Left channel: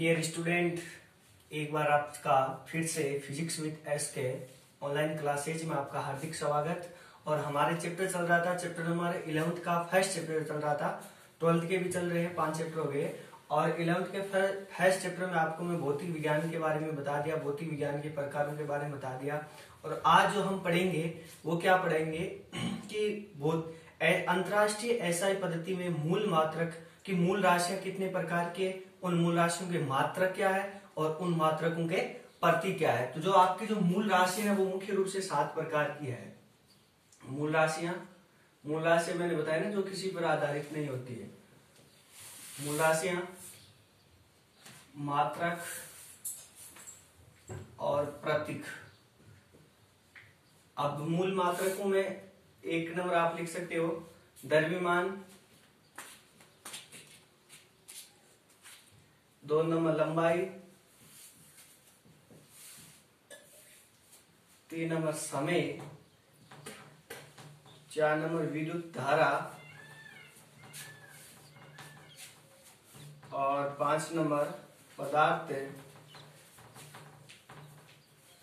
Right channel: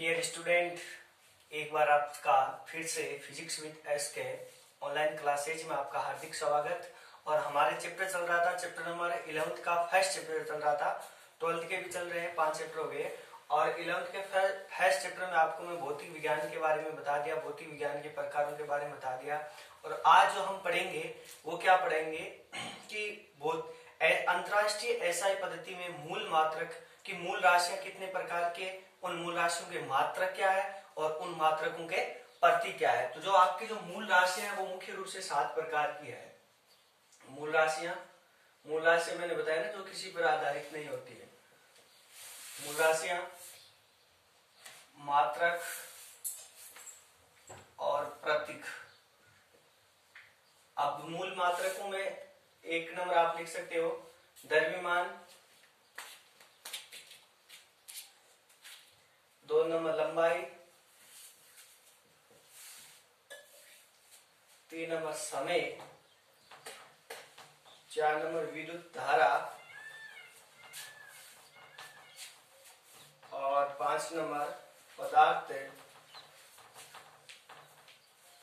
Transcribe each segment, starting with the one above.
Dear student, एक बार आपका फिर से फिजिक्स विद एस के ऑनलाइन क्लासेज में आपका हार्दिक स्वागत। और हमारे चैप्टर चल रहा था, चैप्टर नंबर 11th का फर्स्ट चैप्टर चल रहा था। 12th के भी चल रहे हैं, 5 चैप्टर हो गए। और 11th के फर्स्ट चैप्टर में आपको मैं भौतिक विज्ञान के बारे में बता दिया, भौतिक विज्ञान के प्रकारों के बारे में बता दिया। और आज जो हम पढ़ेंगे वो क्या पढ़ेंगे कि अंतरराष्ट्रीय एसआई पद्धति में मूल मात्रक की मूल राशियां कितने प्रकार के, उन मूल राशियों के मात्रक क्या है और उन मात्रकों के प्रतीक क्या है। तो जो आपकी जो मूल राशियां है वो मुख्य रूप से 7 प्रकार की है। मूल राशियां मैंने बताया ना, जो किसी पर आधारित नहीं होती है। मूल राशियां, मात्रक और प्रतीक। अब मूल मात्रकों में 1 नंबर आप लिख सकते हो द्रव्यमान, 2 नंबर लंबाई, 3 नंबर समय, 4 नंबर विद्युत धारा और 5 नंबर पदार्थ,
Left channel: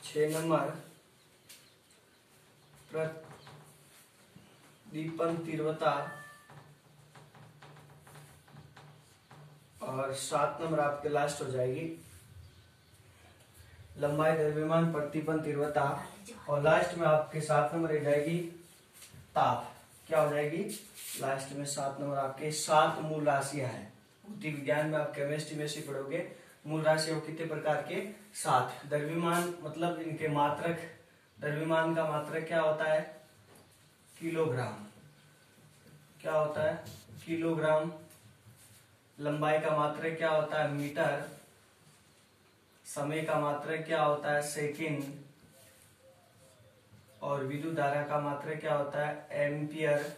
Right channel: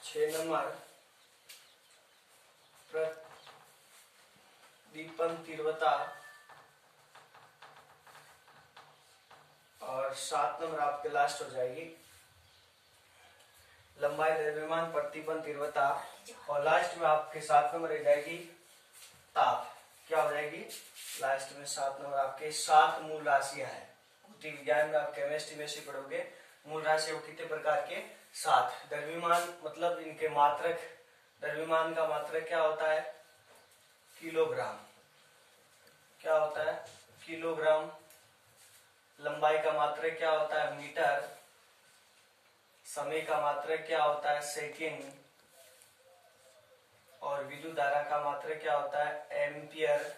6 नंबर प्रदीपन तीव्रता और 7 नंबर आपके लास्ट हो जाएगी लंबाई, द्रव्यमान, प्रतिपन तीव्रता और लास्ट में आपके 7 नंबर रह जाएगी ताप। क्या हो जाएगी लास्ट में 7 नंबर आपके 7 मूल राशियां हैं। भौतिक विज्ञान में आप केमिस्ट्री में से पढ़ोगे मूल राशियों कितने प्रकार के, 7। द्रव्यमान मतलब इनके मात्रक, द्रव्यमान का मात्रक क्या होता है, किलोग्राम। क्या होता है, किलोग्राम। लंबाई का मात्रक क्या होता है, मीटर। समय का मात्रक क्या होता है, सेकंड। और विद्युत धारा का मात्रक क्या होता है, एम्पियर।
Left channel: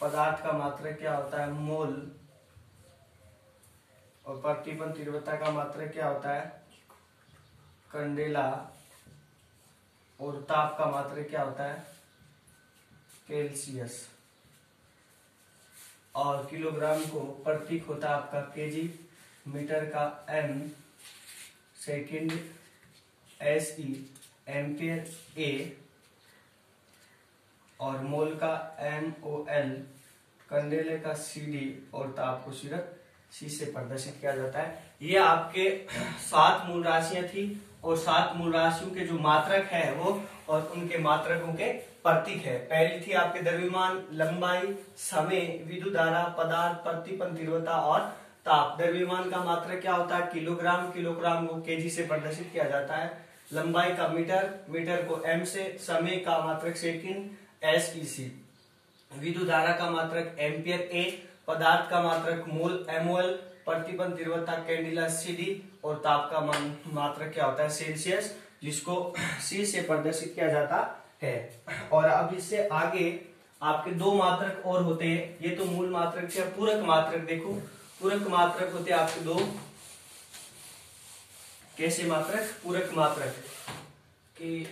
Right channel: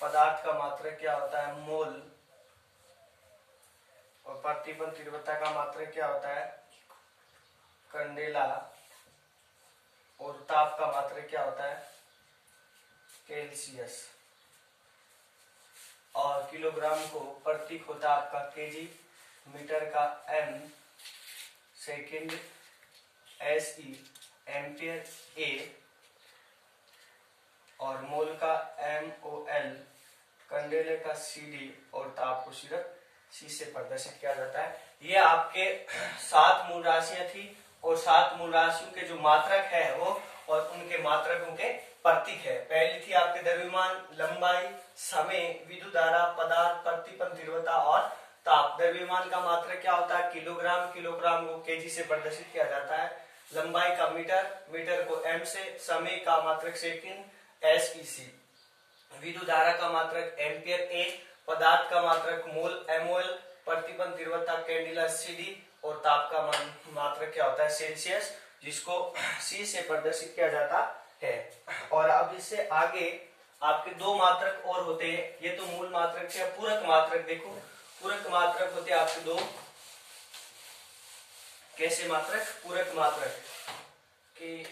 पदार्थ का मात्रक क्या होता है, मोल। और प्रतिपन तीव्रता का मात्रक क्या होता है, कंडेला। और ताप का मात्रक क्या होता है, सेल्सियस। और किलोग्राम को प्रतीक होता है आपका केजी, मीटर का एम, सेकंड एसई, एम्पियर ए और मोल का MOL, कंडेले का CD और ताप को सिर्फ C से प्रदर्शित किया जाता है। ये आपके 7 मूल राशियां थी और 7 मूल राशियों के जो मात्रक है वो और उनके मात्रकों के प्रतीक है। पहली थी आपके द्रव्यमान, लंबाई, समय, विद्युत धारा, पदार्थ, प्रतिपन तीव्रता और ताप। द्रव्यमान का मात्रक क्या होता है, किलोग्राम। किलोग्राम को केजी से प्रदर्शित किया जाता है। लंबाई का मीटर, मीटर को M से। समय का मात्रक सेकंड, SEC। विद्युत धारा का मात्रक एम्पियर A। पदार्थ का मात्रक मोल, MOL। प्रतिपन तीव्रता कैंडिला CD और ताप का मात्रक क्या होता है, सेल्सियस, जिसको C से प्रदर्शित किया जाता है। और अब इससे आगे आपके 2 मात्रक और होते हैं। ये तो मूल मात्रक से पूरक मात्रक देखो, पूरक मात्रक होते हैं आपके 2। कैसे मात्रक, पूरक मात्रक कि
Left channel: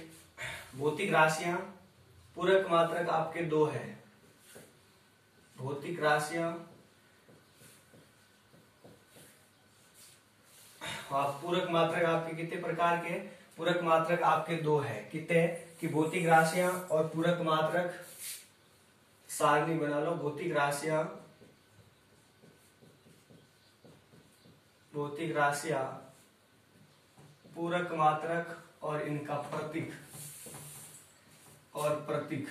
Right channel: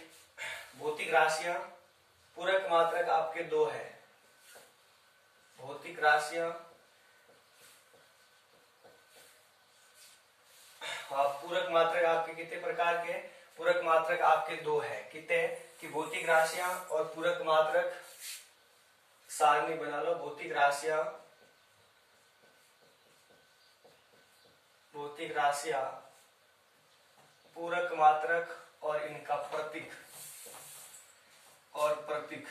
भौतिक राशियां, पूरक मात्रक आपके 2 है। भौतिक राशियां पूरक मात्रक आपके कितने प्रकार के, पूरक मात्रक आपके 2 है। कितने कि भौतिक राशियां और पूरक मात्रक। सारणी बना लो, भौतिक राशियां, भौतिक राशियां, पूरक मात्रक और इनका प्रतीक और प्रतीक।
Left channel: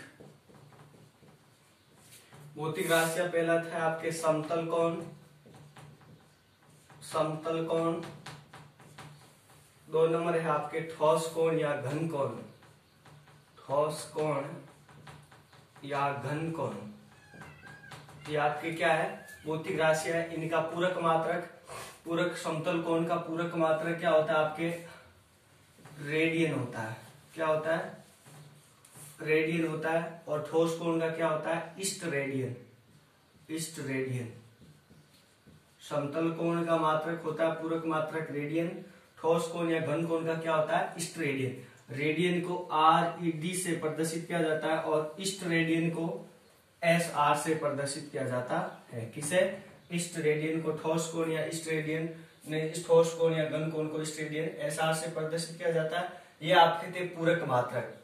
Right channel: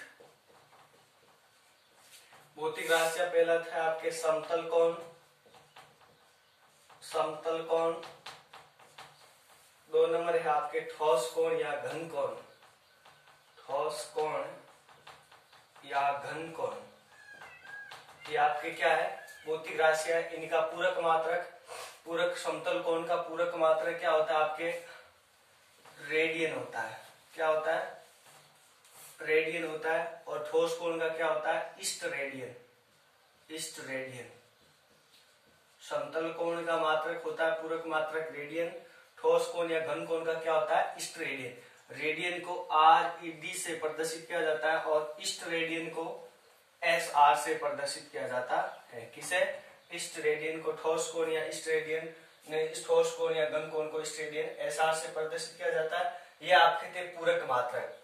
भौतिक राशियां पहला था आपके समतल कोण, समतल कोण। 2 नंबर है आपके ठोस कोण या घन कोण, ठोस कोण या घन कोण। ये आपके क्या है, भौतिक राशियां है। इनका पूरक मात्रक, पूरक समतल कोण का पूरक मात्रक क्या होता है आपके, रेडियन होता है। क्या होता है, रेडियन होता है। और ठोस कोण का क्या होता है, ईस्ट रेडियन, ईस्ट रेडियन। समतल कोण का मात्रक होता है पूरक मात्रक रेडियन। ठोस कोण या घन कोण का क्या होता है, ईस्ट रेडियन। रेडियन को RED से प्रदर्शित किया जाता है और ईस्ट रेडियन को SR से प्रदर्शित किया जाता है। किसे, इष्ट रेडियन को ठोस कोण या इष्ट रेडियन ने ठोस कोण या घन कोण को इष्ट रेडियन एसआर से प्रदर्शित किया जाता है। यह आपके थे पूरक मात्रक।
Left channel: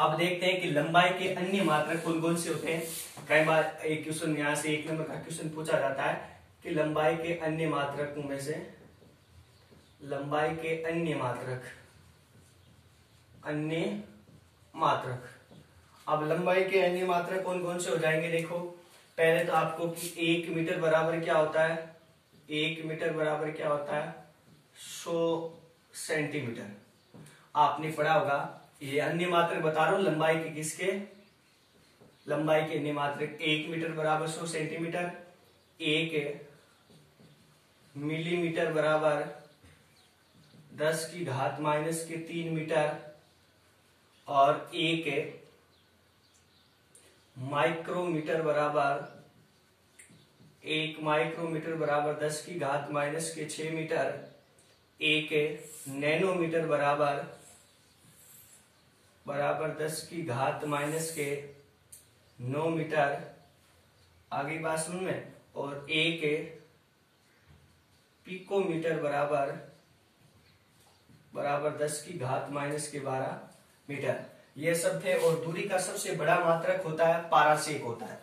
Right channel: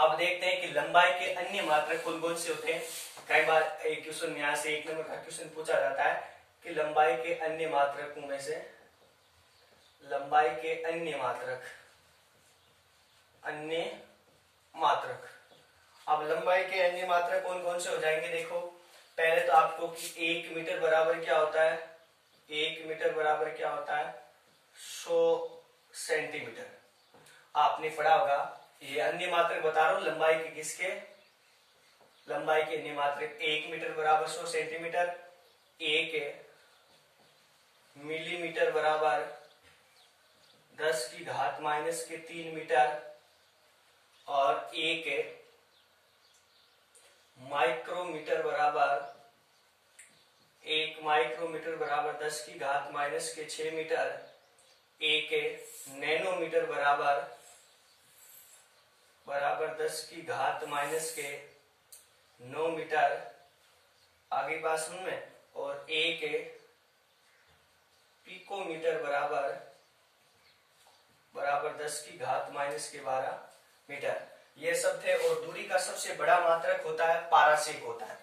अब देखते हैं कि लंबाई के अन्य मात्रक कौन कौन से होते हैं। कई बार एक क्वेश्चन यहाँ से 1 नंबर का क्वेश्चन पूछा जाता है कि लंबाई के अन्य मात्रकों में से लंबाई के अन्य मात्रक। अब लंबाई के अन्य मात्रक कौन कौन से हो जाएंगे। देखो पहले तो आपको कि 1 मीटर बराबर क्या होता है। 1 मीटर बराबर क्या होता है 100 सेंटीमीटर। आपने पढ़ा होगा। ये अन्य मात्रक बता रहा हूं लंबाई के किसके, लंबाई के अन्य मात्रक। 1 मीटर बराबर 100 सेंटीमीटर, 1 मिलीमीटर बराबर 10 की घात माइनस के 3 मीटर और 1 माइक्रोमीटर बराबर 10 की घात माइनस के 6 मीटर, 1 नैनोमीटर बराबर 10 की घात माइनस के 9 मीटर। आगे बात सुन में। और 1 पिकोमीटर बराबर 10 की घात माइनस के 12 मीटर। ये सब थे। और दूरी का सबसे बड़ा मात्रक होता है पारासेक होता है।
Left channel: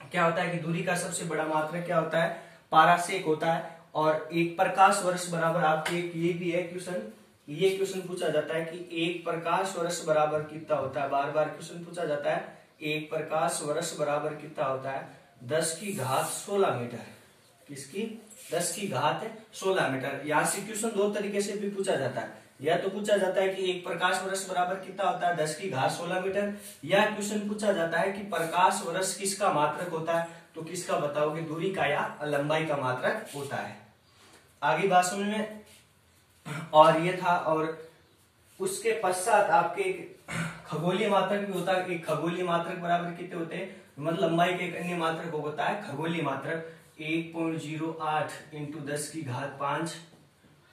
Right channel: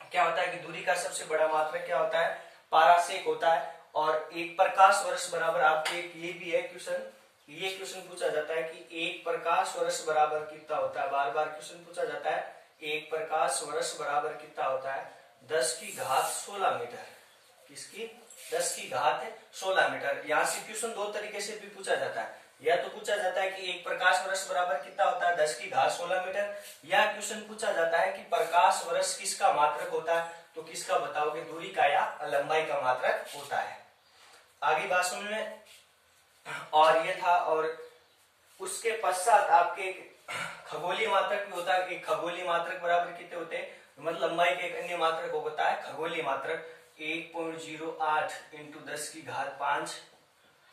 क्या होता है कि दूरी का सबसे बड़ा मात्रक क्या होता है पारासेक होता है। और 1 प्रकाश वर्ष बराबर आपके ये भी है क्वेश्चन, ये क्वेश्चन पूछा जाता है कि 1 प्रकाश वर्ष बराबर कितना होता है। बार बार क्वेश्चन पूछा जाता है 1 प्रकाश वर्ष बराबर कितना होता है 10 की घात 16 मीटर। किसकी 10 की घात 16 मीटर। यहाँ से क्वेश्चन 2 तरीके से भी पूछा जाता है। या तो पूछा जाता है कि 1 प्रकाश वर्ष बराबर कितना होता है 10 की घात 16 मीटर। या क्वेश्चन पूछा जाता है कि प्रकाश वर्ष किसका मात्रक होता है। तो किसका बताओगे दूरी का या लंबाई का मात्रक होता है। आगे बात सुनिए। और ये था। और उसके पश्चात आपके खगोलीय मात्रक भी होता है। एक खगोलीय मात्रक बराबर कितने होते हैं, मतलब लंबाई के एक अन्य मात्रक होता है खगोलीय मात्रक 1.08 इंटू 10 की घात 5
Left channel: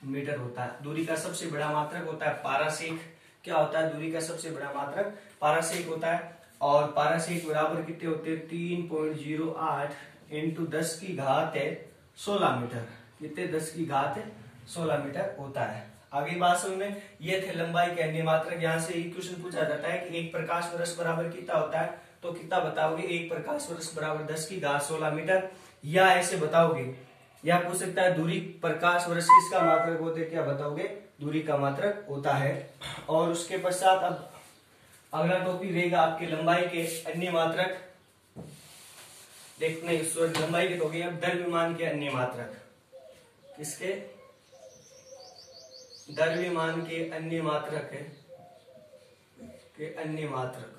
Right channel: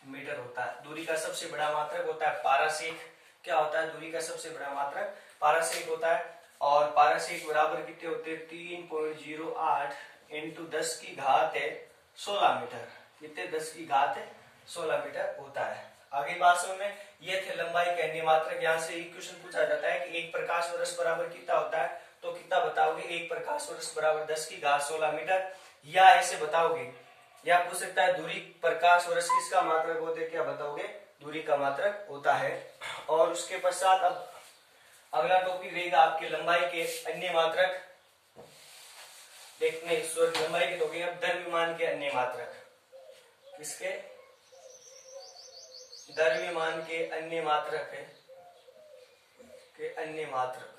मीटर होता है। दूरी का सबसे बड़ा मात्रक होता है पारासेक। क्या होता है दूरी का सबसे बड़ा मात्रक पारासेक होता है। और पारासेक बराबर कितने होते हैं 3.08 इंटू 10 की घात 16 मीटर। कितने 10 की घात 16 मीटर होता है। आगे बात सुन में। ये थे लंबाई के अन्य मात्रक। यहाँ से एक क्वेश्चन पूछा जाता है कि 1 प्रकाश वर्ष बराबर कितना होता है। तो कितना बताओगे 1 प्रकाश वर्ष बराबर 10 की घात 16 मीटर। या ऐसे बताओगे। या पूछ सकता है दूरी प्रकाश वर्ष किसका मात्रक होते, क्या बताओगे दूरी का मात्रक होता है। और उसके पश्चात अब अगला टॉपिक रहेगा आपके लंबाई के अन्य मात्रक। देखने लंबाई के तो गए। अब द्रव्यमान के अन्य मात्रक। किसके द्रव्यमान के अन्य मात्रक है के अन्य मात्रक।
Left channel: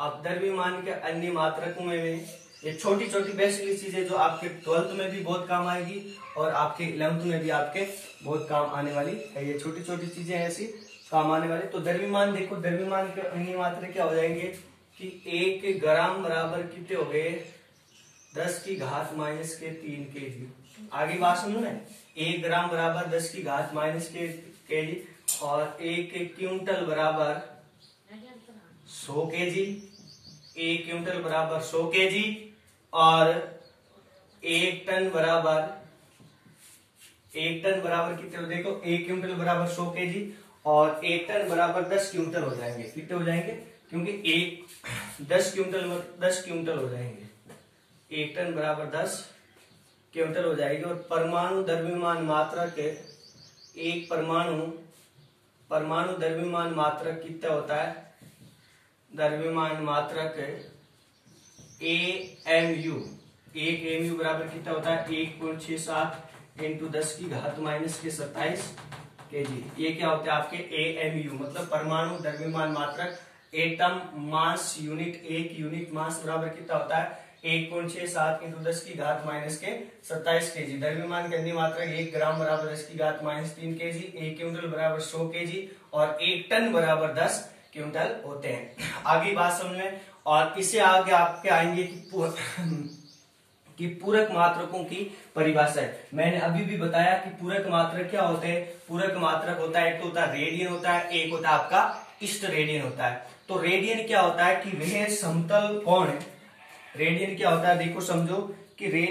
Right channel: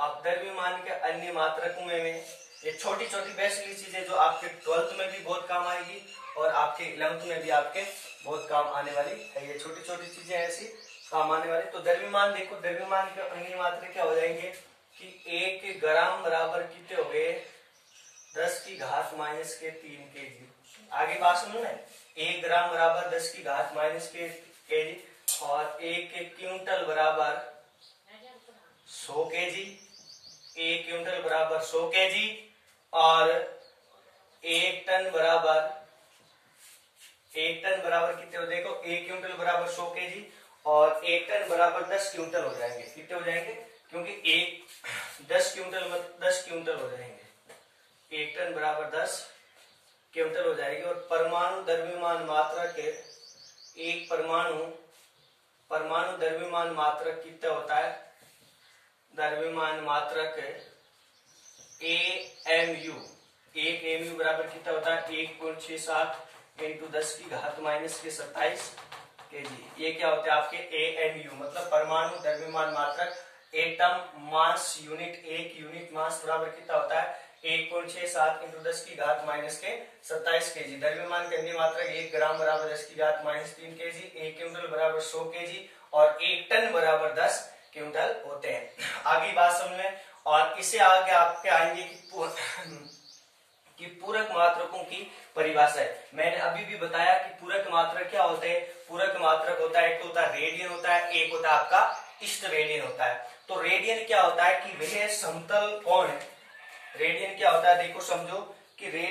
अब द्रव्यमान के अन्य मात्रकों में ये छोटी छोटी बेसिकली चीजें जो आपके 12th में भी बहुत काम आएगी और आपके 11th में भी आपके बहुत काम आने वाली है। ये छोटी छोटी चीजें ऐसी काम आने वाली। तो द्रव्यमान देखो, द्रव्यमान के अन्य मात्रक क्या हो जाएंगे कि 1 ग्राम बराबर कितने हो गए 10 की घात माइनस के 3 केजी। आगे बात सुनो ना। 1 ग्राम बराबर 10 की घात माइनस के केजी। और 1 क्विंटल बराबर 100 केजी। 1 क्विंटल बराबर 100 केजी। और 1 टन बराबर कितने हो देखो 1 क्विंटल बराबर 100 केजी और 1 टन बराबर 10 क्विंटल हो जाएंगे। कितने हो जाएंगे क्योंकि 10 क्विंटल हो जाएंगे। 1 टन बराबर 10 क्विंटल हो जाएगी। और परमाणु द्रव्यमान मात्रक के एक परमाणु द्रव्यमान मात्रक कितना होता है। द्रव्यमान मात्रक AMU। 1 AMU बराबर कितना होता है 1.67 इंटू 10 की घात माइनस के 27 केजी। ये क्या होते हैं आपके AMU मतलब परमाणु द्रव्यमान मात्रक। Atom mass unit. 1 unit mass बराबर कितना होता है 1.67 इंटू 10 की घात माइनस के 27 केजी। द्रव्यमान के अन्य मात्रक 1 ग्राम बराबर 10 की घात माइनस 3 केजी। 1 क्विंटल बराबर 100 केजी और 1 टन बराबर 10 क्विंटल होते हैं। आगे बात समझ लें। और इसे आगे आपके आएंगे कि पूरक मात्रकों की परिभाषा है। मैंने अभी भी बताया कि पूरक मात्रक क्या होते हैं। पूरक मात्रक होता है एक तो होता है रेडियन होता है, एक होता है आपका इष्ट रेडियन होता है। तो रेडियन क्या होता है कि वह समतल कोण है। रेडियन क्या होता है देखो समझो कि रेंज